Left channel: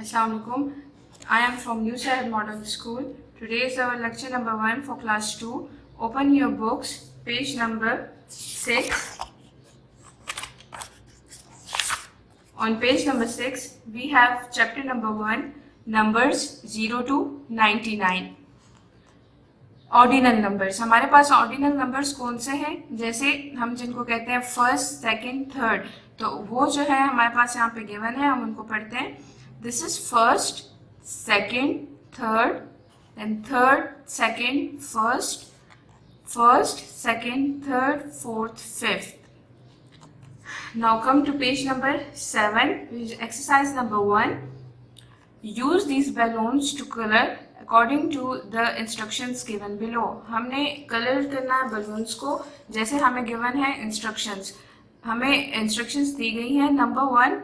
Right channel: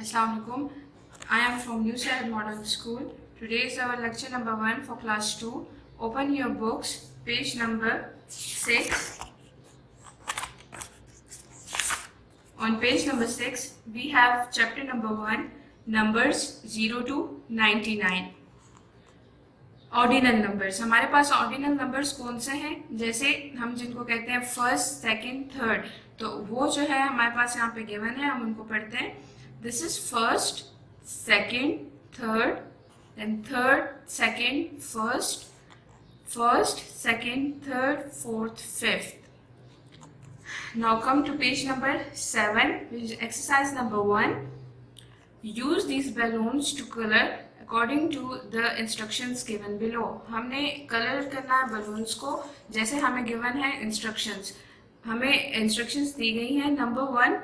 Assalamualaikum. I am from New Shahid Model School. Today is our lecture number 1 for class 2. Open your books, page number 6. On page number 6, we have chapter number 1, numbers 0 to 99. Ordinal numbers. हमारे पास ordinal numbers कौन से हैं? जैसे हम जिनको कहते हैं first, second, third, तो वो जो है हमारे पास यहाँ पे गिवन है, हम उनको पढ़ते हैं. This is first, second, third, and third, second, first, first, second, third, fourth, fifth. Now come to page number 7, which is exercise number 1. Use these balloons to color according to the instructions given below. हमने colour करना है balloons को जैसे हमें given है instructions. हमें instructions दी गई हैं. Number 1,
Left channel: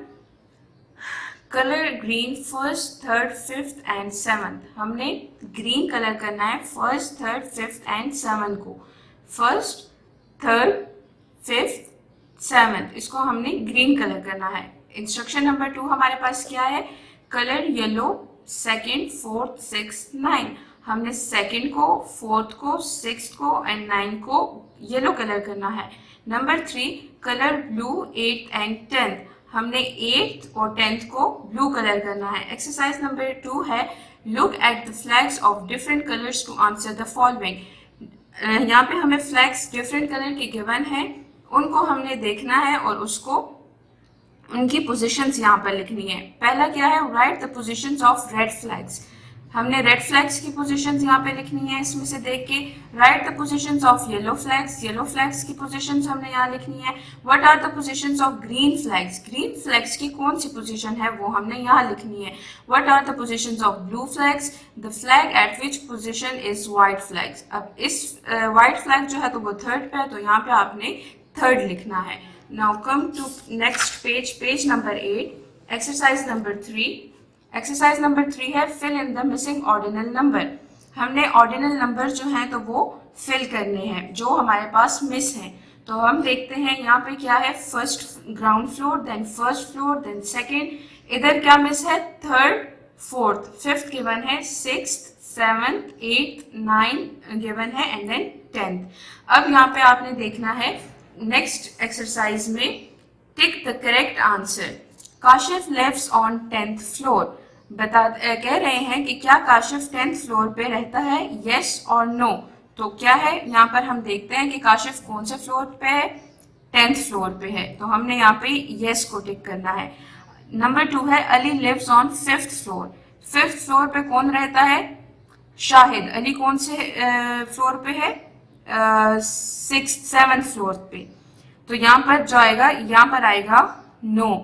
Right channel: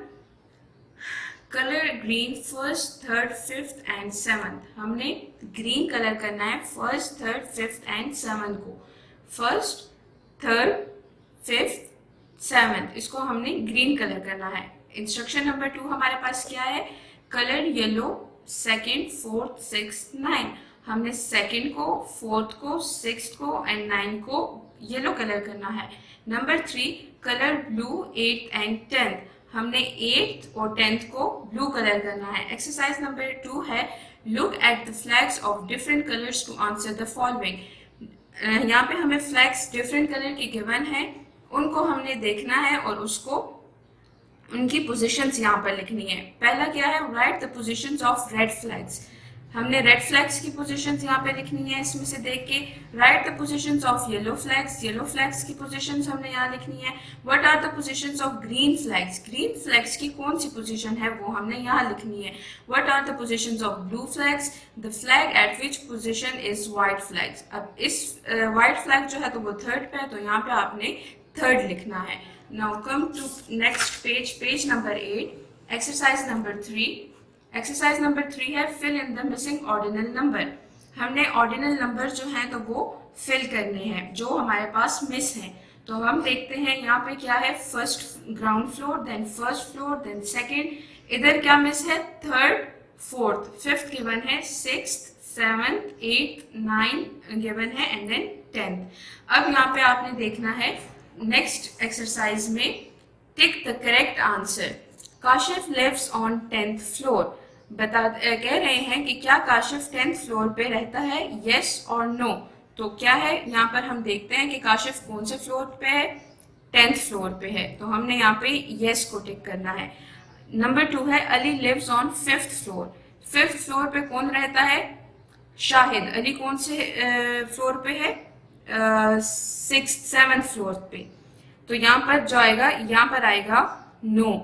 colour green first, third, fifth and seventh. हमने ग्रीन कलर करना है first, third, fifth and seventh को. फर्स्ट, थर्ड, फिफ्थ, सेवंथ, इसको हमने ग्रीन कलर करना है. इंस्ट्रक्शन नंबर 2 हमारे पास क्या है? Colour yellow second, fourth, six, nine. हमने सेकेंड को, फोर्थ को, सिक्स को एंड नाइन को येलो कलर करना है. Number 3, colour blue eight and 10. हमने 8th और 10th को ब्लू कलर करना है. एक्सरसाइज नंबर 2 है look at the flags of different colours to answer the following. यहाँ पे हमें फ्लैग्स डिफरेंट कलर के गिवन है, उनको हमने देखना है और उसको उनकी पोजीशंस यहाँ पर लिखनी है. पहला क्या है? Write the positions of red flags. हमने रेड फ्लैग्स की पोजीशंस यहाँ पे लिखनी है इसमें से देख के. Write the positions of yellow flags. Yellow flags की पोजीशंस हमने यहाँ लिखनी है. What are the positions of green flags. Green flags की कौन सी पोजीशन है वो हमने यहाँ लिखनी है. What are the positions of blue flags. The flag at which position is white flags. अब इस व्हाइट फ्लैग जो है तो वो थर्ड पे है, तो यहाँ पे आपने थर्ड लिखना है. Now come to next page, page number 8, exercise number 3. Exercise number 3 है fill in the missing ordinal number. हमने ordinal number जो हैं तो वो fill करने हैं जो हमारे पास miss हैं. तो हम देखते हैं यहाँ पे क्या है. First ground floor, then first floor, then second. इधर क्या मिस है? थर्ड, फोर्थ, फिफ्थ गिवन है, sixth, seventh, eighth, nine given है एंड देन 10th. अब यहाँ पे आपने देखना है नेक्स्ट एक्सरसाइज में tick the correct answer. Kashif lives on 10th floor. कह रहे हैं कि क्या काशिफ 10th फ्लोर पे रहता है, यस और नो. तो क्या है यहाँ पर हम देखते हैं कि काशिफ कौन से फ्लोर पे है? 10th फ्लोर पे है, तो हमने यहाँ पे यस को टिक करना है. नंबर 2 है Ali lives on 5th floor. 5th floor पे कौन रहता है? शाहिद. अली कौन से फ्लोर पे है? 6th 7th फ्लोर पे. तो यहाँ पर जो आएगा, यहाँ पर आएगा no.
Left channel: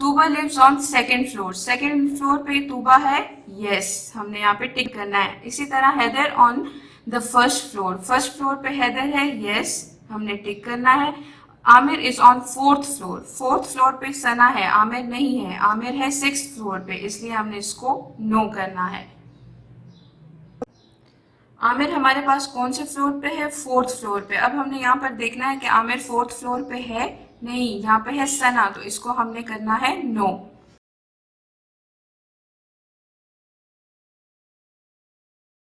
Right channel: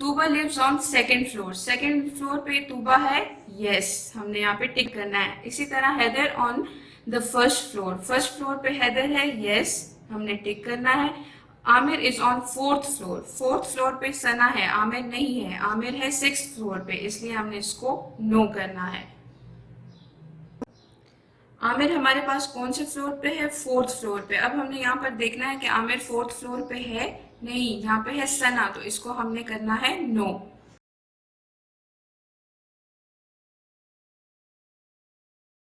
Tuba lives on 2nd floor. 2nd floor पे तूबा है, यस, हमने यहाँ पे टिक करना है. इसी तरह Haider on the 1st floor. 1st floor पे हैदर है, यस, हमने टिक करना है. Aamir is on 4th floor. 4th floor पे सना है, आमिर नहीं है. आमिर है 6th फ्लोर पे, इसलिए हमने इसको नो करना है. आमिर हमारे पास कौन से फ्लोर पे है? 4th फ्लोर पे. अब हमने यहाँ पर देखना है कि आमिर 4th फ्लोर पे है, नहीं, यहाँ पे है सना, तो इसको हमने करना है नो.